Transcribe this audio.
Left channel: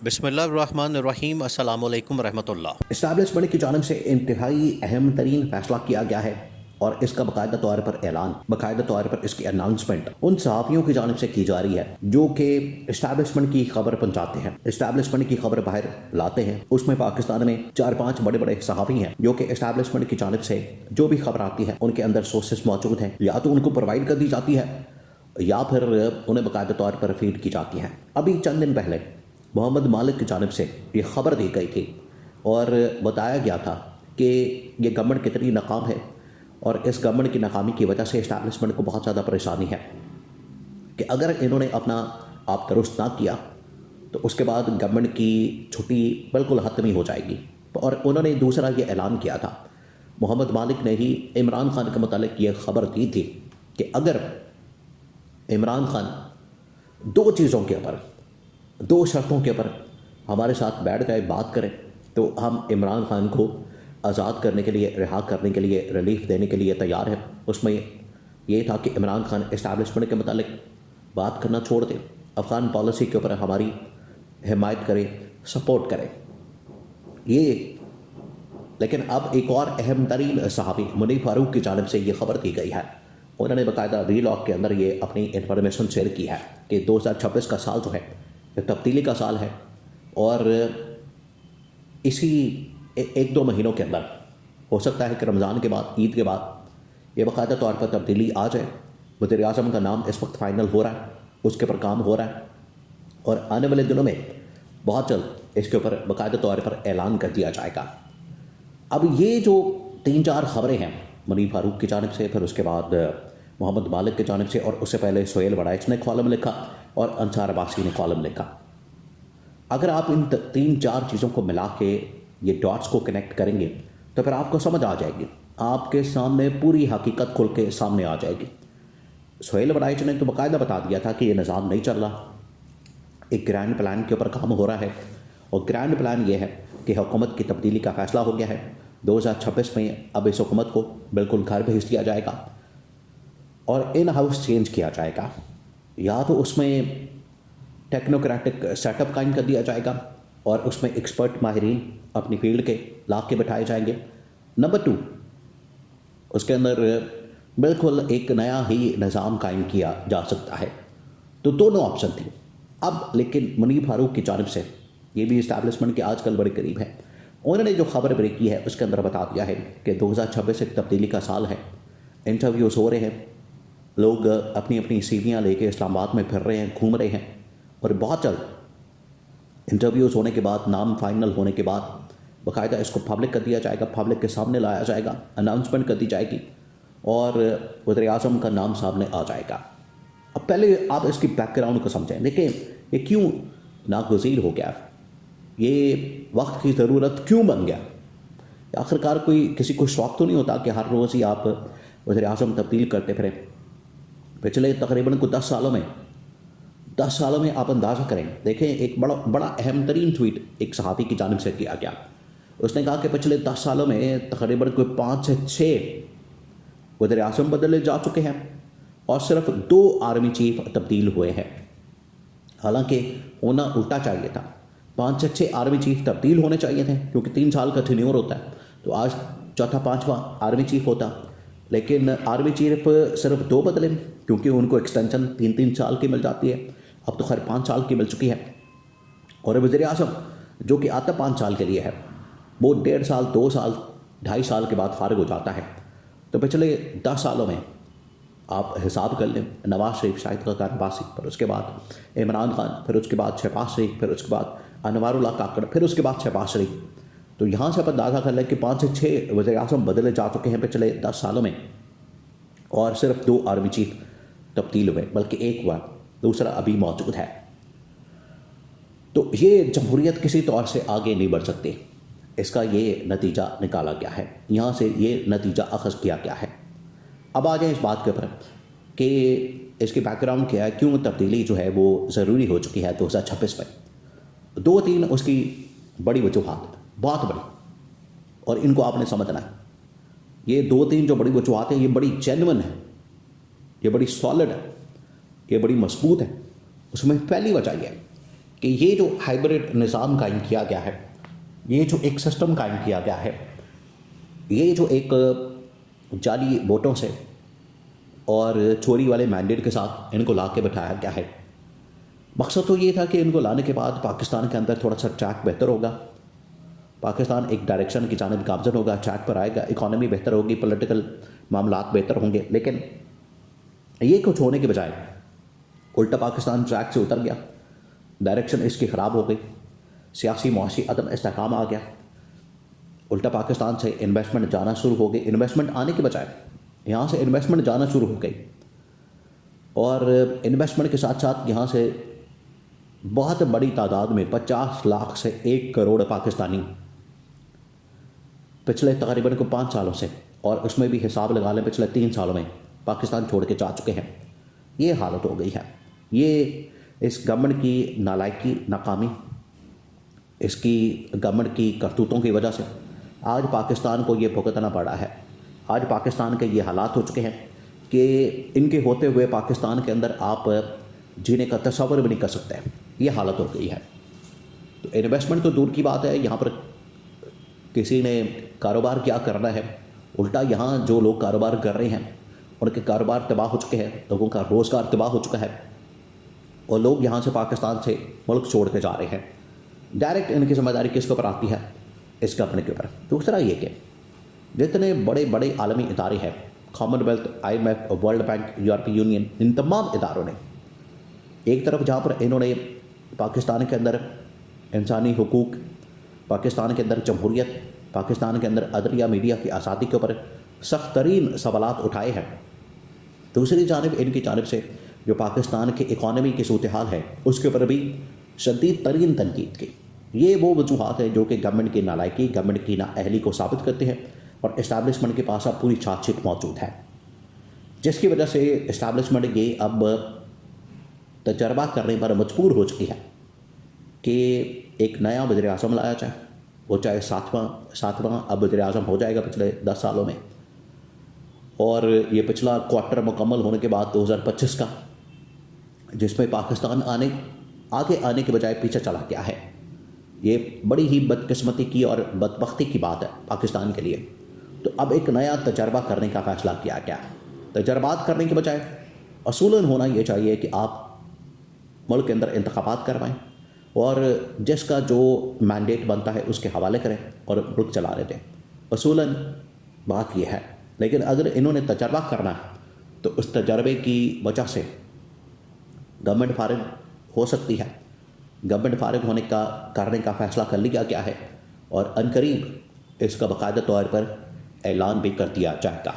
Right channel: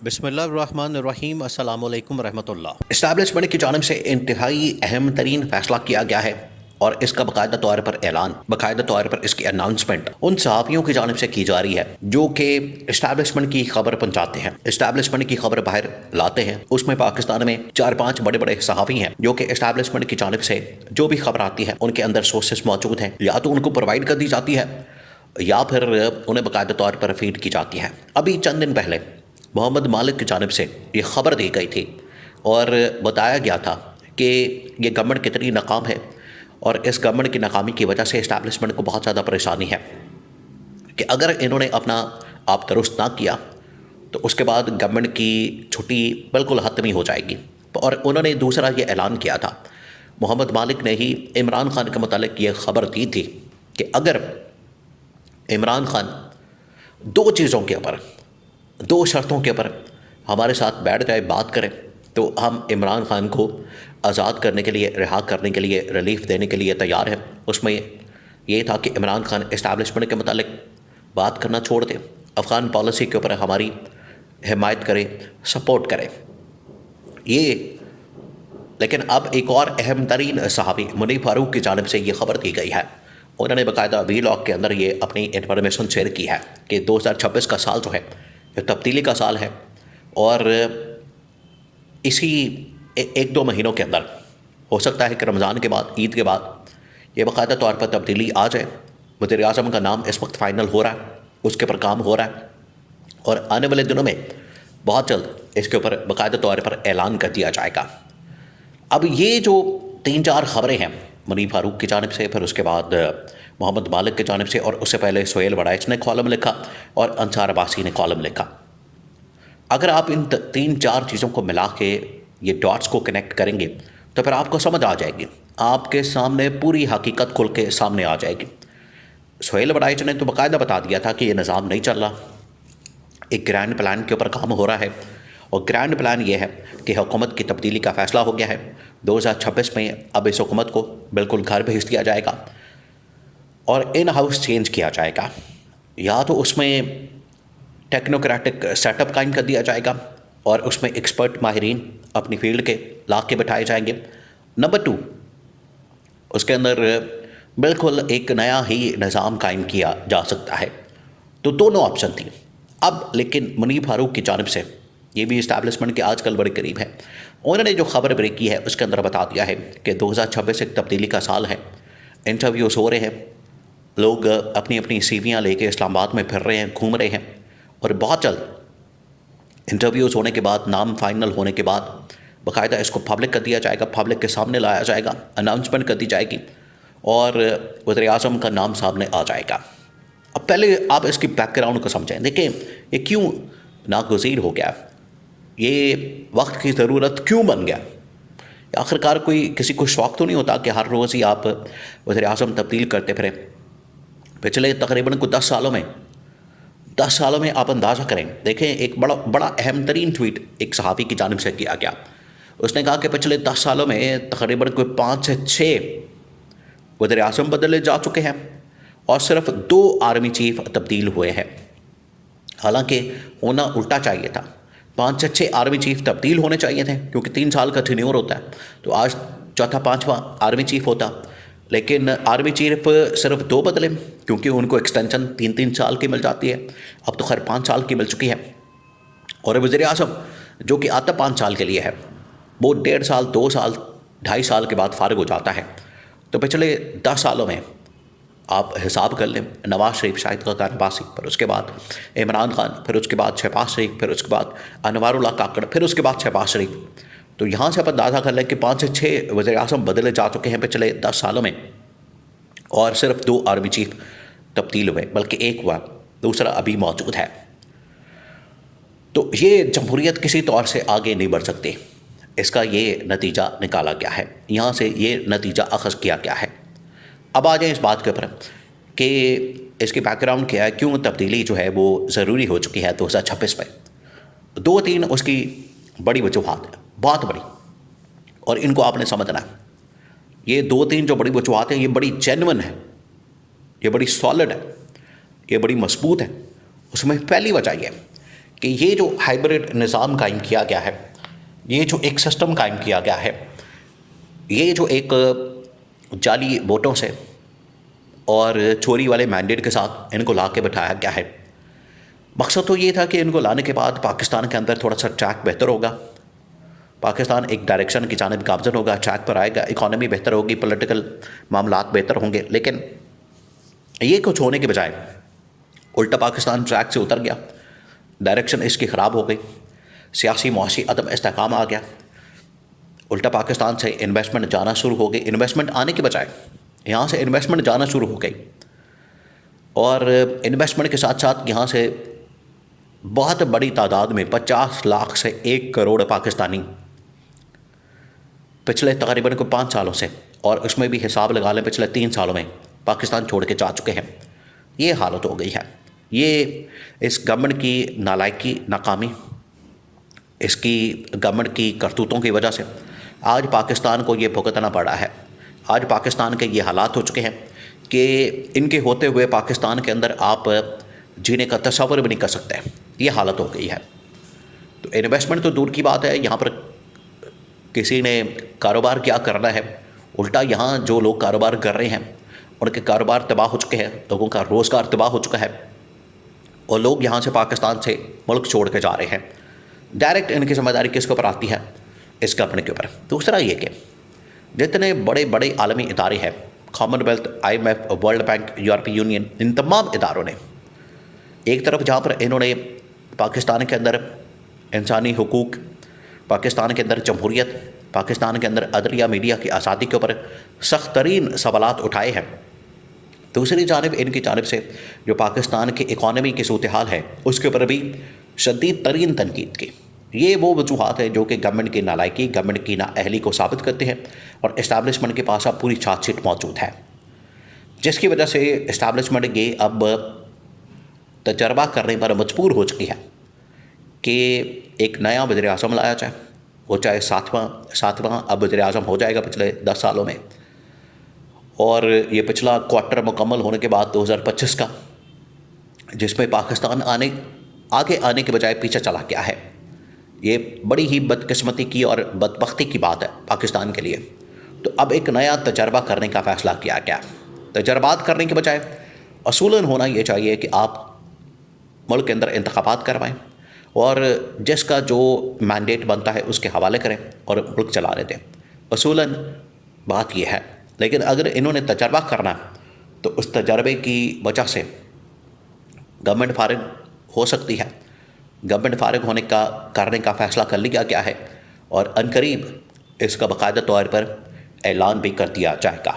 बिस्मिल्लाहिर्रहमानिर्रहीम अस्सलामुअलैकुम रहमतुल्लाह। इस्टेब्लिशमेंट की जानिब से इंतहाई अहम तरीन फैसला किया गया है और इसका बाकायदा तौर पर ऐलान, बाकायदा तौर पर इसकी अनाउंसमेंट उन सहाफ़ियों की जानिब से की जा रही है जो कि इस्टेब्लिशमेंट की खबर पहुंचाते हैं, इस्टेब्लिशमेंट की खबर बाहर लाते हैं। उसमें पाकिस्तान में 4-5 बड़े बड़े सहाफ़ी हैं जो कि इस्टेब्लिशमेंट की जानिब से जो भी खबर आती है उनके अंदर सोर्सेस मौजूद हैं, या तो उनको प्रोवाइड कर दी जाती है या फिर उन्हें बाकायदा तौर पर फीड की जाती है। अभी चंद दिन पहले मोहम्मद मालिक की जानिब से ये खबर दी गई थी और बताया गया था कि ये गवर्नमेंट कितनी नाकाम है और इस गवर्नमेंट की नाकामी की वजह से इस्टेब्लिशमेंट को बहुत ज़्यादा परेशानी है कि अगर इन्होंने अपना आप दुरुस्त ना किया तो उसके बाद गवर्नमेंट की छुट्टी बिल्कुल ख़त्म ही हो जाएगी। और उन्होंने दूसरा ये ऐलान किया था, मोहम्मद मालिक ने ही इमरान खान के मुतालिक ये खबर दी थी कि अगर इमरान खान दो चीज़ों के ऊपर, दो शर्तों के ऊपर हमारे साथ बैठ जाए, बात करें, तो हम इमरान खान को आज़ाद करने के लिए, रिहा करने के लिए, रिलीफ देने के लिए तैयार हैं। उसमें ये था कि इमरान खान इस्टेब्लिशमेंट के मुतालिक बात करना छोड़ दें, अफ़गान पॉलिसी के ऊपर हमारी हिमायत करे, सपोर्ट करे। ये लेकिन अब एक और अहम तरीन सहाफ़ी मुनीफ फारूक की जानिब से ये खबर दी गई है। उन्होंने बाकायदा वीलॉग के अंदर ये अपनी इन्फॉर्मेशन शेयर की है कि 2026 का साल जो है ये तब्दीली का साल है और इसी एक दो महीनों के अंदर हो सकता है कि रमज़ान के बाद, ईद के बाद ये बाकायदा तौर पर तब्दीली आ जाए। वज़ीर आज़म का नाम इस वक्त फ़ाइनल हो रहा है, उसके पर काम हो रहा है और आने वाले दिनों में बहुत जल्द इसके ऊपर बाकायदा तौर पर ऐलान कर दिया जाएगा। अब ये जो 3-4 खबरें हैं मुनीफ फारूक की जानिब से, फिर उसके बाद मोहम्मद मालिक की जानिब से, और उससे पहले सुहेल वड़ाइच ने कॉलम लिखा और अंसार अब्बासी ने कॉलम लिखा। अगर आप इन 3-4 चीज़ों को मिला के ये डॉट्स को कनेक्ट करेंगे तो फिर आपको समझ आ जाएगी, आपके सामने पूरी हकीकत खुल के सामने आ जाएगी। सुहेल वड़ाइच ने तो बाकायदा बता दिया था कि ये निज़ाम नहीं चल रहा, एक ग्रैंड प्लान के ऊपर काम हो रहा है और ग्रैंड प्लान ये है कि हुकूमत की तब्दीली का फ़ैसला हो गया है। 2026 में अब इस हुकूमत को बिल्कुल घर भेज दिया जाएगा और इन हाउस चेंज किया जाएगा, या तो उसमें टेक्नोक्रेटिक सेटअप कायम कर दिया जाएगा और उसमें एक्सपर्ट माहिरीन अपनी फील्ड के ला के बैठाए जाएंगे। नंबर 2, उसके अंदर बिल्कुल एक नया ही निज़ाम कायम किया जा सकता है। तो दोनों ऑप्शन थी। अब लेकिन मुनीफ फारूक की जानिब से, ये भी इस्टेब्लिशमेंट के आजकल बड़े करीब है, उन्होंने जो खबर ब्रेक की है उसके अंदर बता दिया है कि 2026 एक तब्दीली का साल है। इंटरव्यूज़ हो रहे हैं, लोग अपनी अपनी सीवियाँ लेके इस्लामाबाद में फिर रहे हैं, घूम रहे हैं और बहुत जल्द इंटरव्यूज़ होने के बाद, नाम फाइनल होने के बाद बाकायदा इसको पब्लिक कर दिया जाएगा, पब्लिक के सामने लाया जाएगा, अनाउंसमेंट कर दी जाएगी और वज़ीर आज़म का नाम सामने आ जाएगा। अब पहले आप इसकी बैकग्राउंड को समझें। देखिए ये क्यों नागुज़ीर हो गया, ये वक्त की ज़रूरत क्यों बन गया। आखिरकार कोई किसी को शौक़ तो नहीं होता कि हर रोज़ ही आप वज़ीर आज़म तब्दील करते फिरें। पिछले तकरीबन को 10 सालों में आप अंदाज़ा करें। देखें, एक बड़ा अहम तरीन ट्वीट एक सहाफ़ी की जानिब से किया गया। उसने कहा कि पिछले 10 सालों में तकरीबन कोई 5 से 6 वज़ीर आज़म बदले जा चुके हैं और सिर्फ 2 आर्मी चीफ़ तब्दील हुए हैं। हालांकि होना उल्टा चाहिए था, 5 से 6 आर्मी चीफ़ तब्दील होने चाहिए थे क्योंकि 3 साल का टेन्योर होता है, तो आज चौथा 5वां आर्मी चीफ़ होता। लेकिन आर्मी चीफ सिर्फ 2 बदले क्योंकि उनको एक्सटेंशन 3-3 साल की मिल जाती है। अब तो खैर 5 साल की मिल चुकी है और वज़ीर आज़म जो कि आता 5 साल के लिए है, वो 1.5 साल, 2 साल, 2.5 साल के बाद फारिग हो जाता है। तो पिछले 10 सालों में आप हिसाब कर लें, नवाज शरीफ, शाहिद खाकान अब्बासी, फिर उसके बाद इमरान खान, फिर उसके बाद शहबाज शरीफ, फिर उसके बाद अनवारुल्लाह काकड़, फिर उसके बाद शहबाज शरीफ। तो यहाँ से आप अंदाज़ा कर लें कि 5 से 6 वज़ीर आज़म बदले जा चुके हैं पिछले 10 सालों में और सिर्फ 2 आर्मी चीफ तब्दील हुए, बल्कि एक हुआ, दूसरा अभी मौजूद है। तो ये जमहूरियत किसी तौर से आगे नहीं बढ़ सकती। इसका ये नतीजा निकाला गया है, यहाँ से ये नतीजा अख़ज़ किया गया है। अब आ जाए इस बात के ऊपर कि इसकी बैकग्राउंड क्या है, क्यों तब्दीली जो है वो ज़रूरी हो चुकी है 2026 में। 2-3 उसकी बड़ी वजूहात हैं, बहुत बड़ी, और इनको आपने समझना है। ये 2-3 जो बड़ी वजूहात हैं ये बड़ी जेन्युइन है, ये बड़ी सॉलिड है, ये बड़ी मजबूत है। उसमें पहली वजह यह है कि ये जो हाइब्रिड निज़ाम कायम किया गया है, ये जो एक सिस्टम कायम किया गया है, ये जो एक जाली वोटों से और चोरी वाले मैंडेट के साथ इनको ला के बिठाया गया है। मकसद तो ये था कि इनको लाने के बाद पाकिस्तान के अंदर थोड़ा सा ट्रैक बेहतर होगा, पाकिस्तान एक डायरेक्शन की जानिब गामजन होगा, ट्रैक पर आएगा, इकॉनमी बेहतर होगी, पॉलिटिकल मामलात बेहतर होंगे। लेकिन ये कुछ होने के बजाय उल्टा पाकिस्तान ट्रैक से उतर गया, डायरेक्शन इसकी ख़राब हो गई, सियासी मुआशी अदम इस्तेहकाम आ गया, उल्टा पाकिस्तान से इन्वेस्टमेंट जाना शुरू हो गई। इन्वेस्टमेंट आने के बजाय यहाँ से इन्वेस्टमेंट जाना शुरू हो गई, और इन्वेस्टमेंट के साथ साथ यहाँ से बहुत बड़ी तादाद में 50 लाख से 1 करोड़ पाकिस्तानी पिछले तकरीबन को 5 सालों से, और उसमें भी हिसाब लगा लें पिछले 3 सालों में, पाकिस्तान छोड़ के जा चुके हैं। ये हालत हो गई है। ये इस गवर्नमेंट की नालायकी, नाकामी, इसकी गवर्नमेंट की करतूतों की वजह से आज पाकिस्तान को ये भुगतना पड़ा है। आज पाकिस्तान के ये हालात हो चुके हैं कि इनके होते हुए पाकिस्तान के अंदर आप जीने का तस्वर भी नहीं कर सकते। ये हालत हो गई है। तो इन्वेस्टमेंट तो दूर की बात है, यहाँ पर किसी ने कारोबार क्या करना है, उल्टा यहाँ जो लोग कारोबार कर रहे हैं उनके कारोबार तबाह हो चुके हैं, लोगों का रोज़गार तबाह हो चुका है, और लोग यहाँ से पाकिस्तान से मुल्क छोड़ के जा रहे हैं। डायरेक्ट इनकी जिम्मेदारी किसके ऊपर आती है? इस कंपनी के ऊपर। दूसरा ये कि जितने बड़े बड़े आलमी इदारे हैं, कॉमनवेल्थ, IMF, वर्ल्ड बैंक, यूरोपीय यूनियन, इन तमाम इदारों ने एक तरफ जहाँ पर इन्होंने पाकिस्तान के अंदर इंसानी हुकूक, पाकिस्तान के अंदर जमहूरियत, पाकिस्तान के अंदर अदलिया, मीडिया की आज़ादी के ऊपर सख्त तरीन सवालात उठाए हैं, दूसरी जानिब इनकी जानिब से जो पाकिस्तान की इकॉनमी की सूरत हाल है उसके ऊपर भी शदीद तरीन तनकीद की। ये वो वजूहात हैं जो कि गवर्नमेंट की नालायकी, गवर्नमेंट की नाअहली को साबित करते हैं, और इस्टेब्लिशमेंट के पास अब पूरी चार्जशीट मौजूद है, जिसकी वजह से इस्टेब्लिशमेंट ये अब तजर्बा करने पर मजबूर हो चुकी है कि एक नया वज़ीर आज़म लाया जाए, वो चाहे सातवां अब वज़ीर आज़म हो जाएगा पिछले 10 सालों में, और ये पिछला क्वार्टर मुकम्मल होने के बाद 2025 का, जिसमें पाकिस्तान आगे आने के बजाय पीछे चला गया है। ये बड़ी ही बदकिस्मती की और बदबख्ती की बात है पाकिस्तान के लिए। तो अब एक नया तजर्बा करने का फ़ैसला किया गया। तजर्बात करने के बजाय असूलन होना ये चाहिए कि आप मुल्क के अंदर इंतखाबात करवाएं और जिसका जो मैंडेट बनता है उसके हवाले करें और मुल्क चलाने दें। असूलन बात यह है। लेकिन अगर इन्होंने तजर्बा करना तो उस तजर्बे की वजह से गवर्नमेंट फारिग हो सकती है। गवर्नमेंट फारिग होने का करने का फ़ैसला कर लिया गया है और अनकरीब इसका बाकायदा तौर पर ऐलान भी कर दिया जाएगा।